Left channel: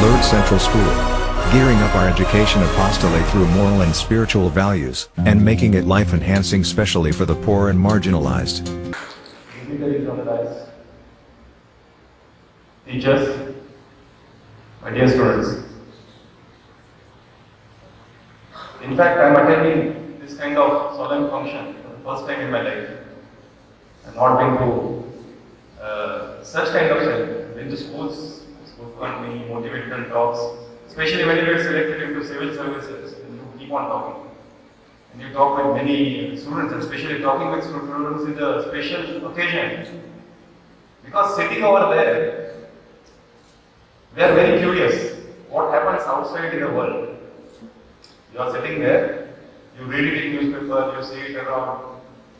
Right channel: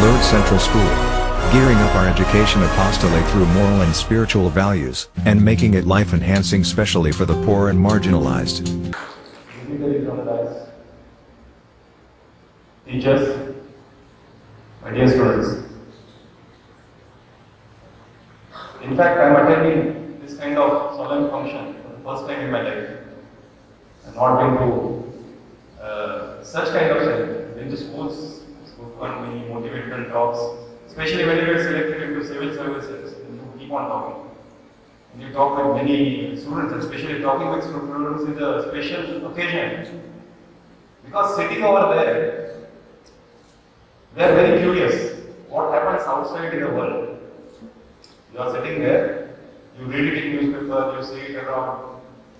Lourdes Central School. Gearing up our education apostolate through moral and spiritual values, and making it life-enhancing especially for the poor and marginalized. Teachers, my dear students. In fact, I am attending this kind of solemn function for the first time in my life. I have not been to such kind of thing. Been to schools, spoken many motivational talks, especially when you get selected into civil services and you keep on talking. And you talk with many students, especially talking with students is a special occasion. Because sitting over there, they are very curious what happens outside in the world. You are sitting there, you read it in newspaper, you see it around.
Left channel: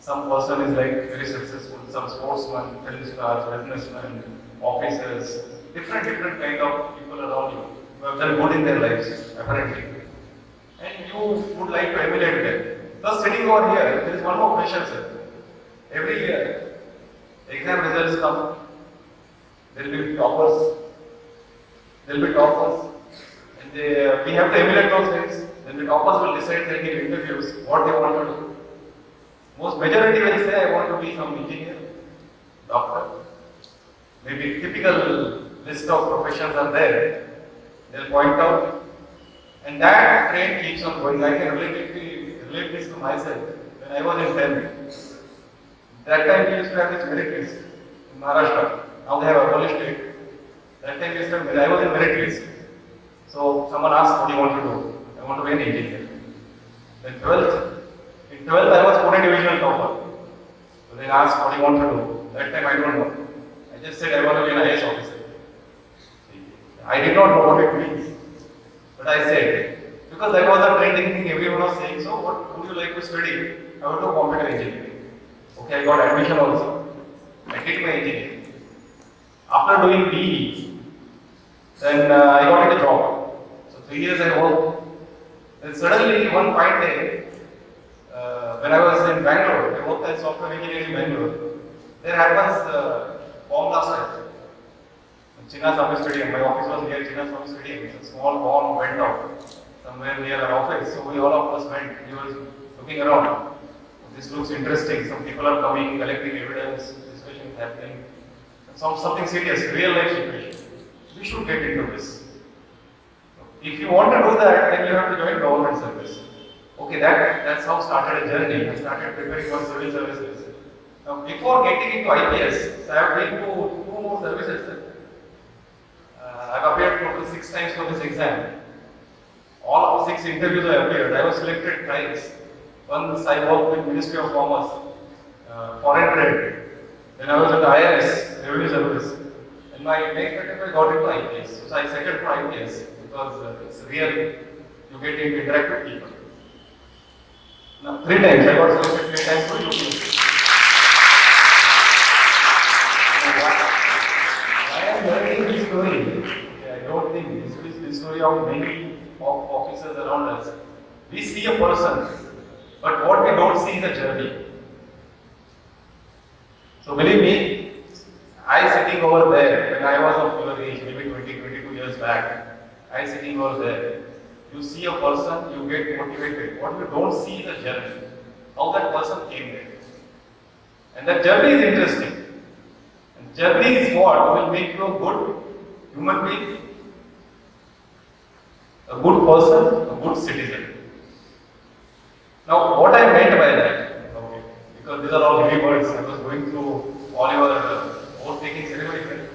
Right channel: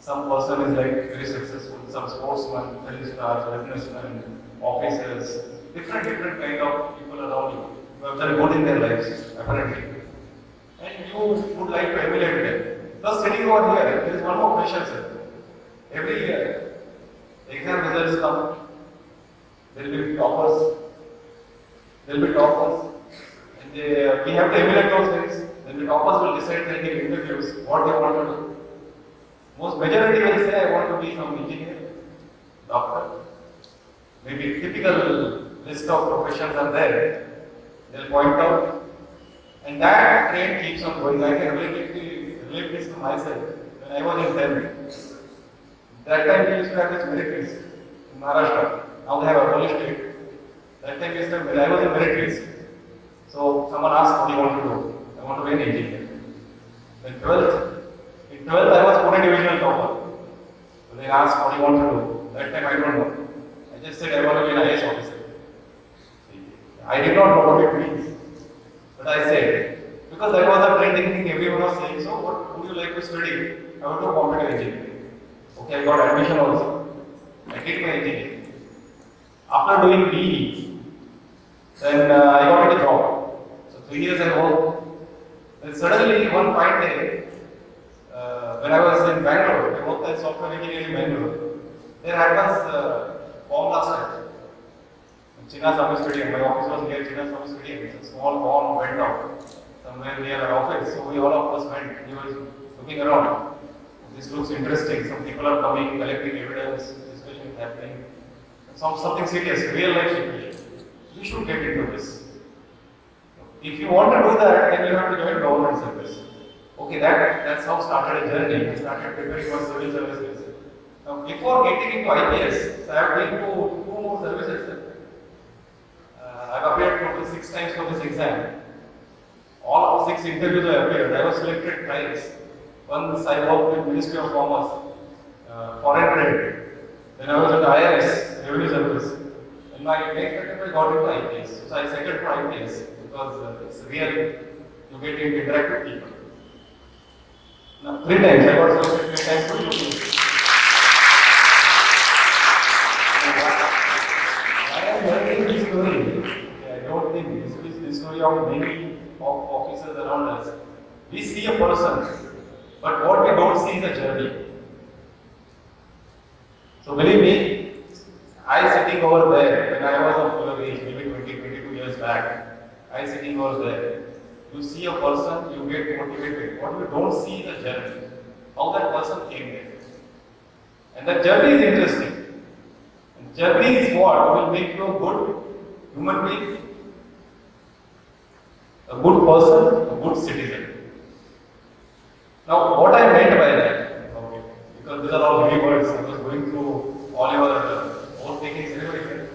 Some person is like very successful, some sportsman, film stars, businessmen, officers, different kind of people around you who have done good in their lives, apparently. And you would like to emulate them. Just sitting over here, there is one more question, sir. Every year, exam results come, there will be toppers, and we have to emulate those things. Then the toppers will decide, they give interviews, what they want to do. Most majority will say, I want to be some engineer, doctor. Maybe typical list of professions are there. They'll point out. And that trend keeps on going. I can relate this to myself. When I was in 10th, that time we used to have this merit list in Maharashtra. Now they have abolished it. That time we used to have, I was in merit list. So someone asked, what do you want to do? I want to be an engineer. In 12th I was Pune divisional topper. So they asked, what do you want to do? That time I don't know. I just said I want to be an IAS officer. I did not know what it means. But I said, because that was the trending thing everyone was saying, so what would you like to study? I want to do computer engineering. Okay, I got admission also. I did my engineering. After doing BE, then I got a job. So 3 years I worked. Then suddenly one fine day, when I was in Bangalore, I worked as software engineer in Bangalore. There happens bomb blast time. Chinnaswamy Stadium, my office was near Chinnaswamy Stadium. It's a small bomb went off somewhere near our office. So we all of us went. We were looking around. This looks interesting. Some people are coming, collecting evidence. Discussion is happening. Something serious, real life situation. We should get into this. If you want to do that, then you have to join government service. Okay, that's how started a journey. I started preparing for civil services. Now, before getting into IPS, I have been to 2 more services. I've appeared total 6 times for this exam. All of 6 interviews I appeared. I was selected twice. Once I worked with Ministry of Commerce, Foreign Trade. Then I was at IRS, Revenue Service. And my next attempt I got into IPS. So I settled for IPS because it's real, you get to interact with people. Now, 3 times, I got selected 3 times for UP. Why I am learning this story? I don't think this is the story of many officers around us. We see a person, but what we don't see is a journey. So believe me, I sitting over there when I was of your age, maybe 22 years back, I sitting over there. You see a person, you get motivated. What you don't see is the journey. How that person came there. And that journey is interesting. And journey is what will make you a good human being, a good person, a good citizen. Now, what I meant by that, okay, because these are all heavy words, I was going through all your oath taking ceremony.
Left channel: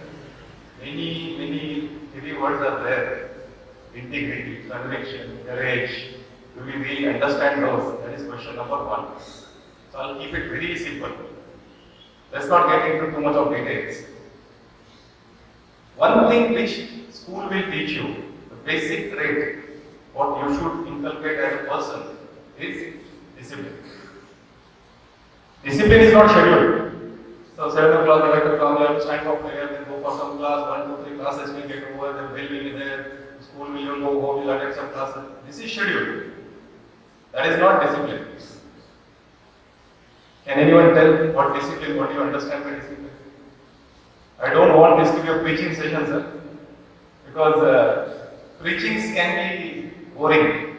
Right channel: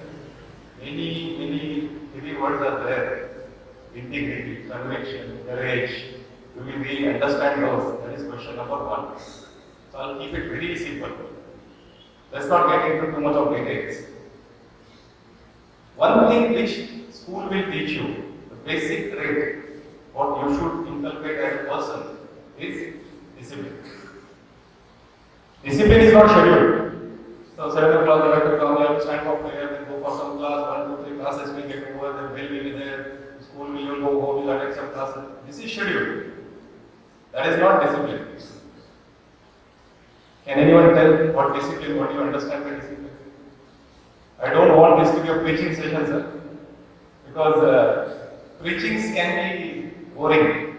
Many heavy words are there. Integrity, conviction, courage. Do we really understand those? That is question number 1. So I'll keep it very simple. Let's not get into too much of details. One thing which school will teach you, the basic trait, what you should inculcate as a person, is discipline. Discipline is not scheduled. So 7 o'clock, 11 o'clock, you have to stand for prayer, then go for some class, 1, 2, 3 classes will get over, then bell will be there, school will you go home, you will attend some classes. This is scheduled. That is not discipline. Can anyone tell what discipline, what you understand by discipline? I don't want this to be a preaching session, sir. because preachings can be boring.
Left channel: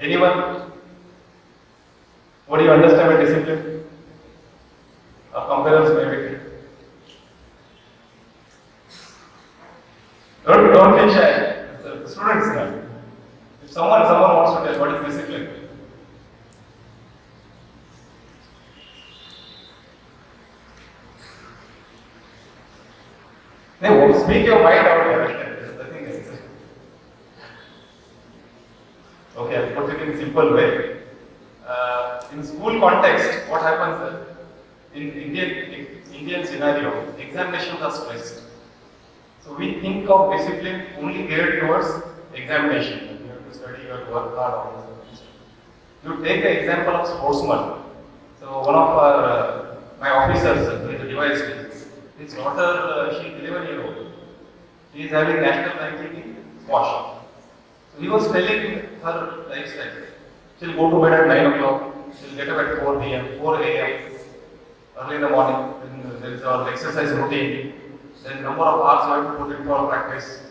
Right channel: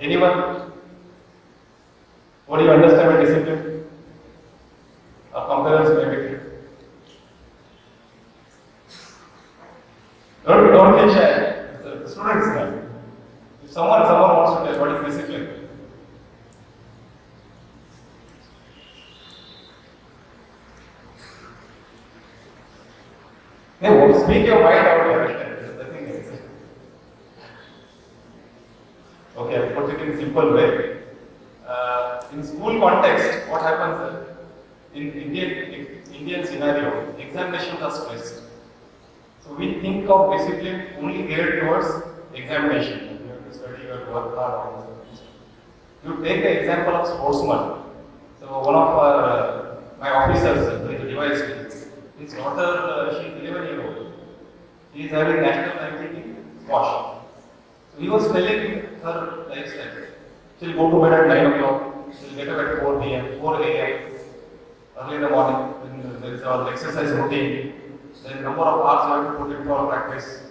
Anyone? What do you understand by discipline? Or comparers maybe? Don't be shy. The students now. If someone wants to tell what is discipline. No, speak your mind out here. The thing is. Okay, I'll put it in simple way. In school context, what happens in Indian scenario, examinations are stressed. So we think of discipline only geared towards examination. You have to study, you have to work hard, all this. You take the example of sportsman. So one of my officers, the device, his daughter, she is 11 years old. She is having national ranking in squash. So he was telling her lifestyle. She'll go to bed at 9 o'clock. She'll get up at 4 p.m., 4 a.m. early in the morning. Then there is our exercise routine. Then number of hours you have to put in for practice.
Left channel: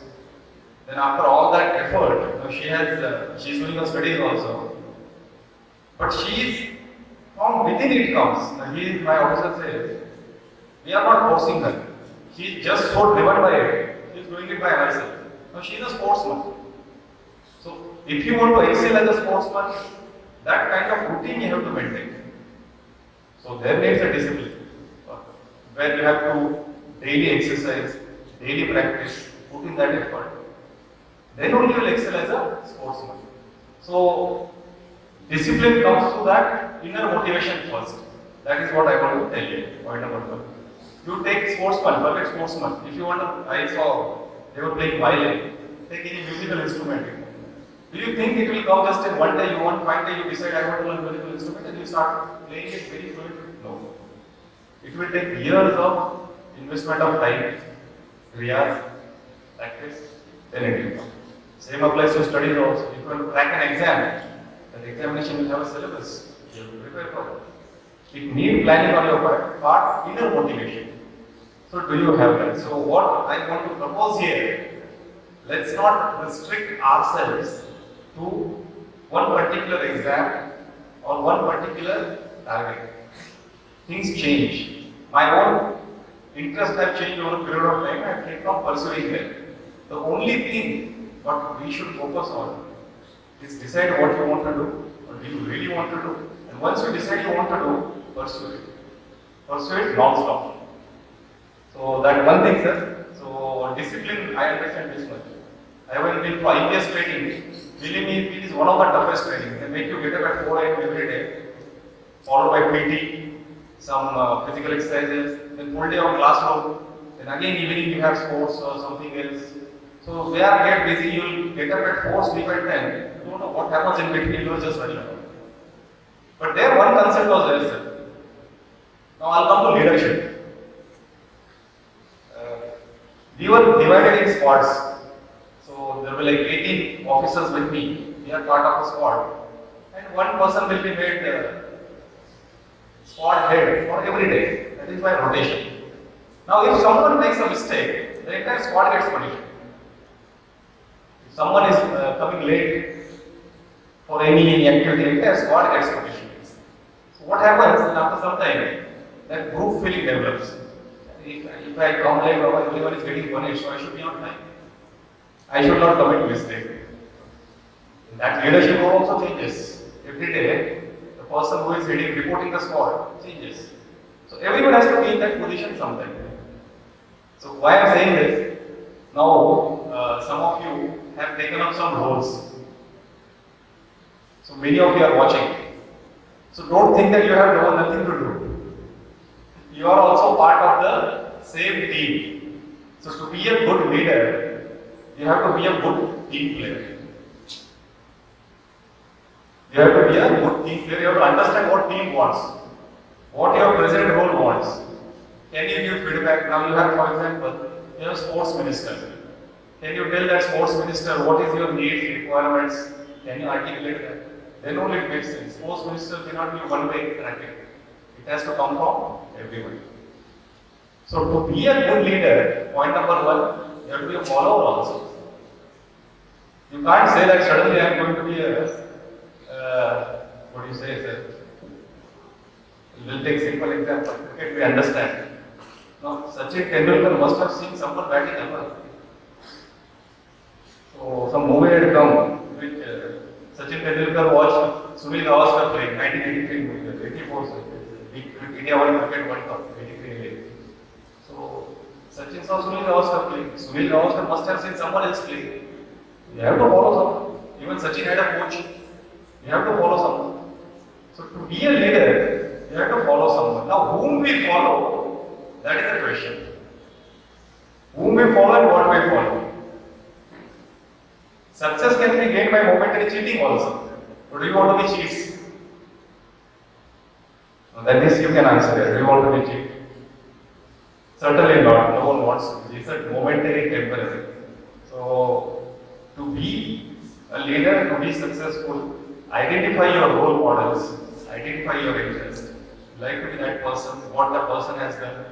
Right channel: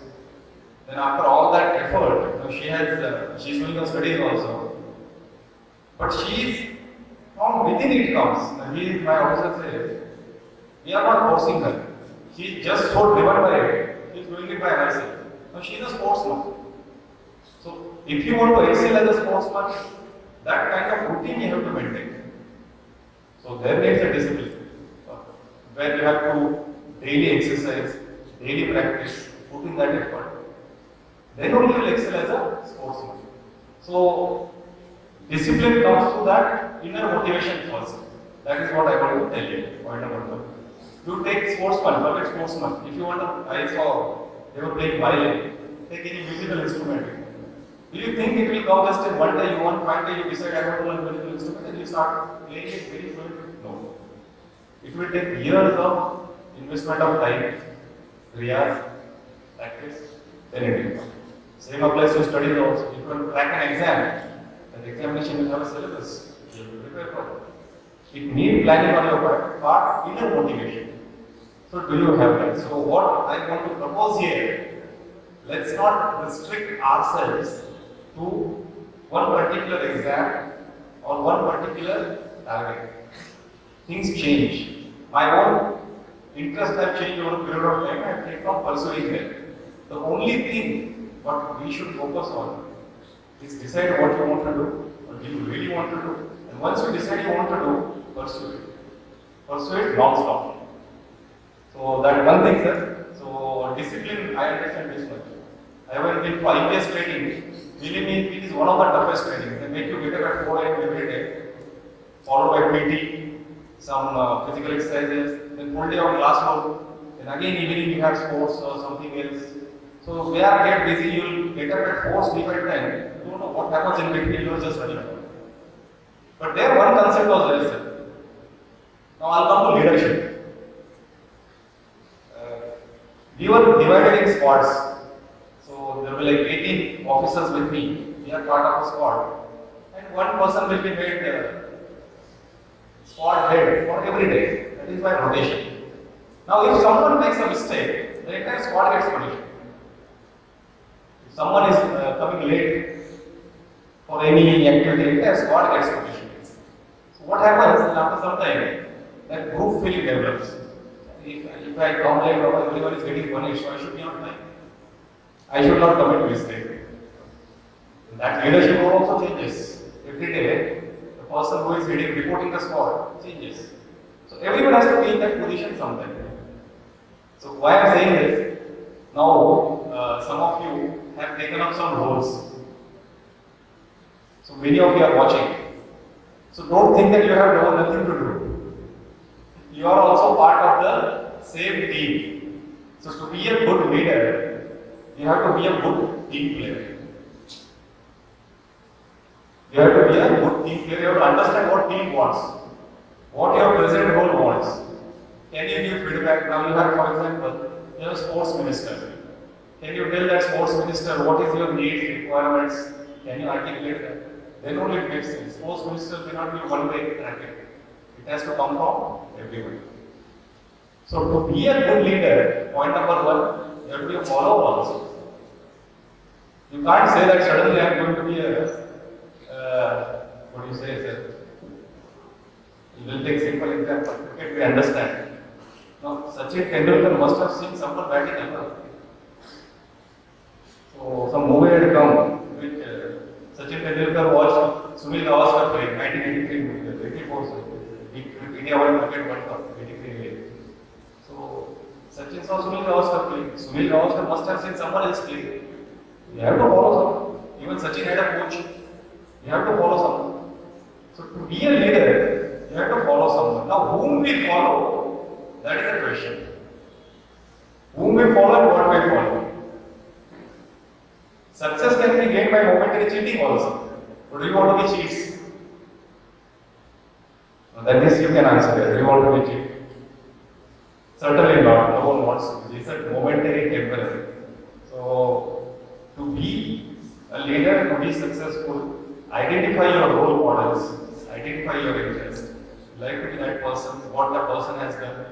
Then after all that effort, she's doing her studies also. But from within it comes. My officer says, we are not forcing her. She is just so driven by it. She is doing it by herself. Now she is a sportsman. So if you want to excel as a sportsman, that kind of routine you have to maintain. So there needs a discipline, where you have to daily exercise, daily practice, put in that effort. Then only you will excel as a sportsman. So discipline comes to that inner motivation first. That is what I want to tell you. Point number one. You take sportsman, perfect sportsman. If you want to, I saw they were playing violin. Take any musical instrument. Do you think it will come just in one day? You want one day you decide I want to learn musical instrument and you start playing it very fluently? No. It will take years of investment of time, riyaz, practice, then it will come. Same applies to studies also. If you want to crack an exam, that examination will have a syllabus. You have to prepare for it. It needs planning on your part, inner motivation. So do you have that? So what I want to propose here, let's not restrict ourselves to one particular exam or one particular target. Things change. My own interests have changed over a period of time. I have kept on pursuing them. The only thing what we should focus on is decide what you want to do, what do you really want to do. And once you decide you want to do, pursue it. Pursue it non-stop. So that one thing, sir. So discipline, I understand this much. I have been for IPS training. Believe me, it is one of the toughest training. They make you get up at 4 a.m. every day, followed by PT, some physical exercises, then full day of classroom. Then again evening you have sports or something else. So they are get busy. You will get up at 4, sleep at 10. You don't know what happens in between. You are just running around. But there one concept was there, sir. Now I'll come to leadership. We were divided in squads. So there were like 18 officers with me. We are part of a squad. And one person will be made squad head for every day. That is by rotation. Now if someone makes a mistake, the entire squad gets punished. If someone is coming late for any activity, the entire squad gets punished. So what happens after some time, that group feeling develops. If I come late, everyone is getting punished, so I should be on time. I should not commit mistake. That leadership role also changes. Every day, the person who is reporting the squad changes. So everyone has to be in that position sometime. So why I am saying this, now some of you have taken up some roles. So many of you are watching. So don't think that you have nothing to do. You are also part of the same team. So to be a good leader, you have to be a good team player. You have to be a good team player. You have to understand what team wants, what your present role wants. Can you give feedback? Now you have, for example, you have a sports minister. Can you tell that sports minister what is your needs, requirements? Can you articulate that? Then only it makes sense. Sports minister cannot be one-way traffic. It has to come from everyone. So to be a good leader, point number one, you have to be a follower also. You can't say that suddenly I am going to be what do you say, sir? We'll take simple example. Cricket we understand. Now, Sachin Tendulkar must have seen someone batting ever. So, some movie had come which Sachin Tendulkar watched Sunil Gavaskar playing 1983, 84, India won Cricket World Cup, 83. So, Sachin saw Sunil Gavaskar playing. Sunil Gavaskar must have seen someone else playing. You have to follow someone. Even Sachin had a coach. You have to follow someone. So, to be a leader, you have to follow someone. Now, whom we follow, that is the question. Whom we follow and what we follow. Success can be gained by momentary cheating also. But do you want to be cheats? That is, you can answer it. Do you want to be cheat? Certainly not. No one wants to be. It's a momentary temporary. So, to be a leader, to be successful, identify your role models, identify your interests. Like to be that person, what the person has done.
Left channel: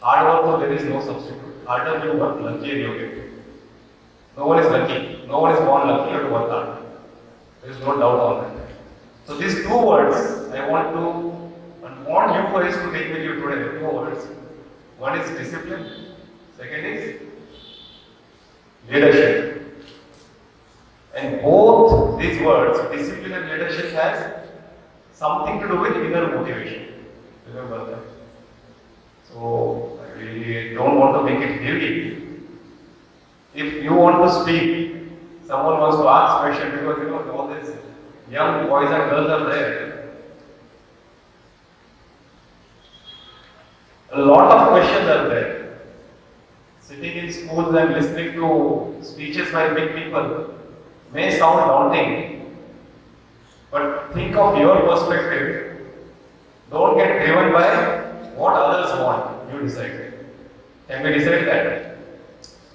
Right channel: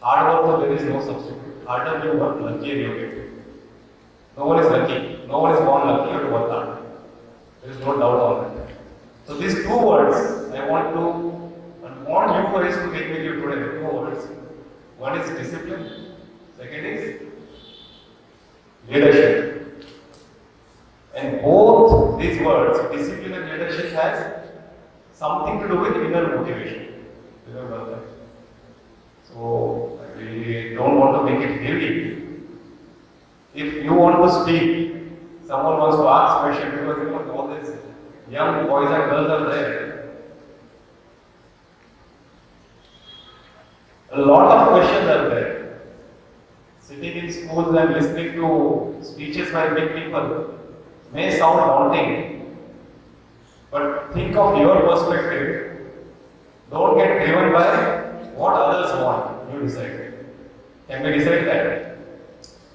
Hard work, so there is no substitute. Harder you work, luckier you get. No one is lucky. No one is born lucky. You have to work hard. There is no doubt on that. So these two words, I want you guys to take with you today. Two words. One is discipline. Second is leadership. And both these words, discipline and leadership, has something to do with inner motivation. Remember that. So we don't want to make it heavy. If you want to speak, someone wants to ask question because all these young boys and girls are there. A lot of questions are there. Sitting in schools and listening to speeches by big people may sound daunting, but think of your perspective. Don't get driven by what others want. You decide. Can we decide that?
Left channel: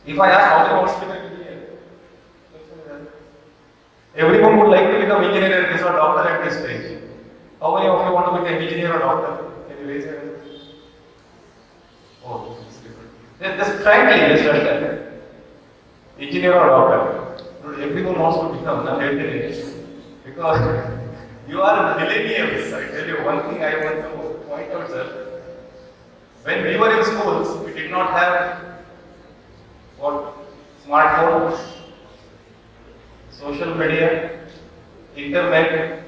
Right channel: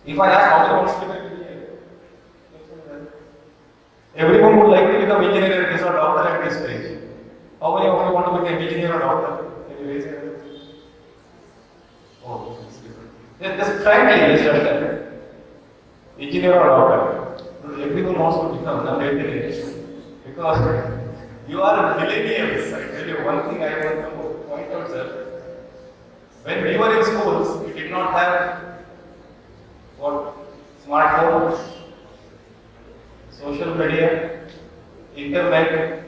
If I ask how many wants to become engineer, everyone would like to become engineer at this or doctor at this stage. How many of you want to become engineer or doctor? Can you raise your hand? Oh, just frankly, just that. Engineer or doctor? Everyone wants to become engineer because you are millennials. I tell you one thing I want to point out, sir. When we were in schools, we did not have what? Smartphone, social media, internet.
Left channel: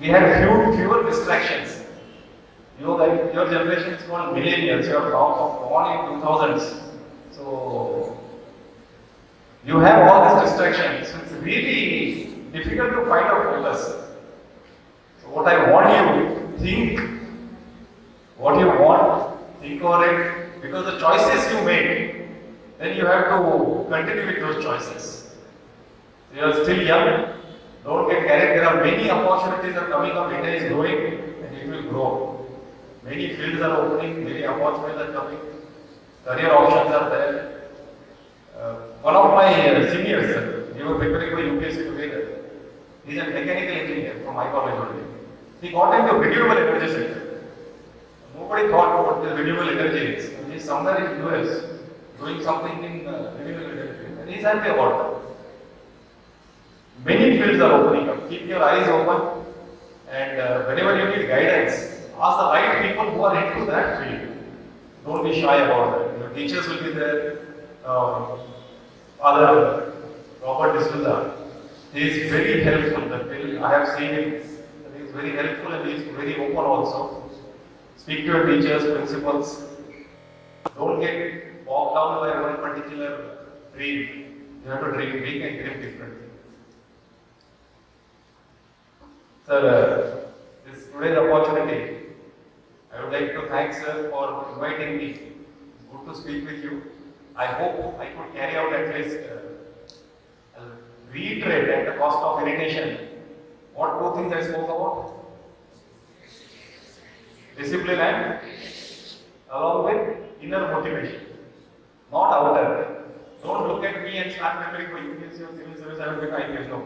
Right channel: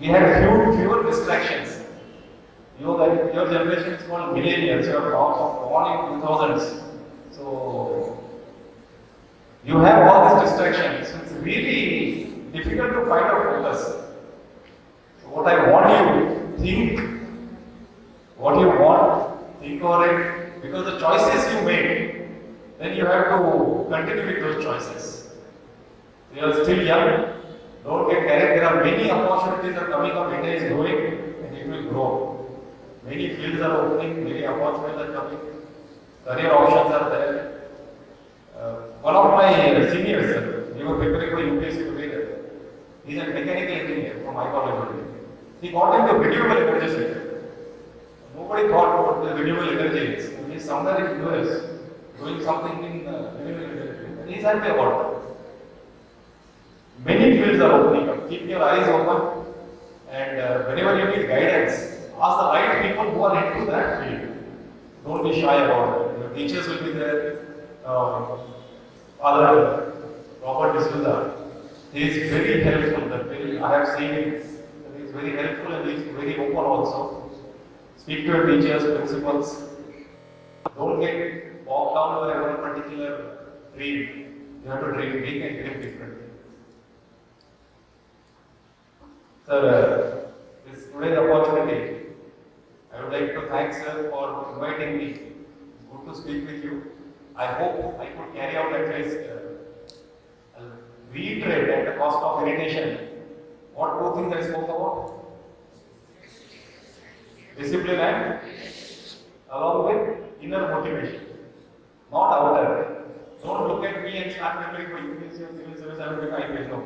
We had fewer distractions. Your generation is called millennials. You are born in 2000s. So you have all these distractions. So it's really difficult to find a focus. So what I want you to think what you want, think over it, because the choices you make, then you have to continue with those choices. You are still young, don't get carried. There are many opportunities that are coming up, India is growing and it will grow. Many fields are opening, many opportunities are coming, career options are there. One of my seniors, we were preparing for UPSC together. He is a mechanical engineer from my college only. He got into renewable energy sector. Nobody thought what the renewable energy is. He is somewhere in US doing something in renewable energy, and he is happy about it. Many fields are opening up. Keep your eyes open, and whenever you need guidance, ask the right people who are into that field. Don't be shy about that. Your teachers will be there. Father Robert D'Souza, he is very helpful. I have seen him. He is very helpful and he is very open also. Speak to your teachers, principals. Don't get bogged down by one particular dream. You have to dream big and dream differently. Sir, this today's opportunity, I would like to thank sir for inviting me. It's good to speak with you. I hope I could carry out at least, reiterate at the cost of irritation, what two things I spoke about? Discipline and along with inner motivation, not outer. Don't look at me and start preparing for UPSC or civil service. I will become IPS. No.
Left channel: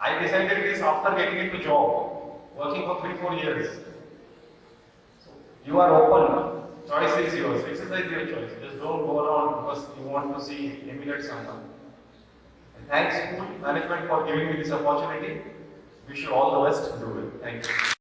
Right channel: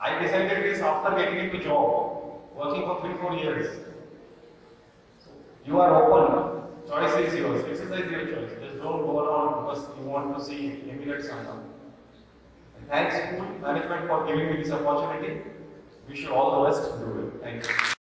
I decided this after getting into job, working for 3-4 years. So you are open. Choice is yours. Exercise your choice. Just don't go around because you want to see emulate someone. And thanks school management for giving me this opportunity. Wish you all the best. Do it. Thank you.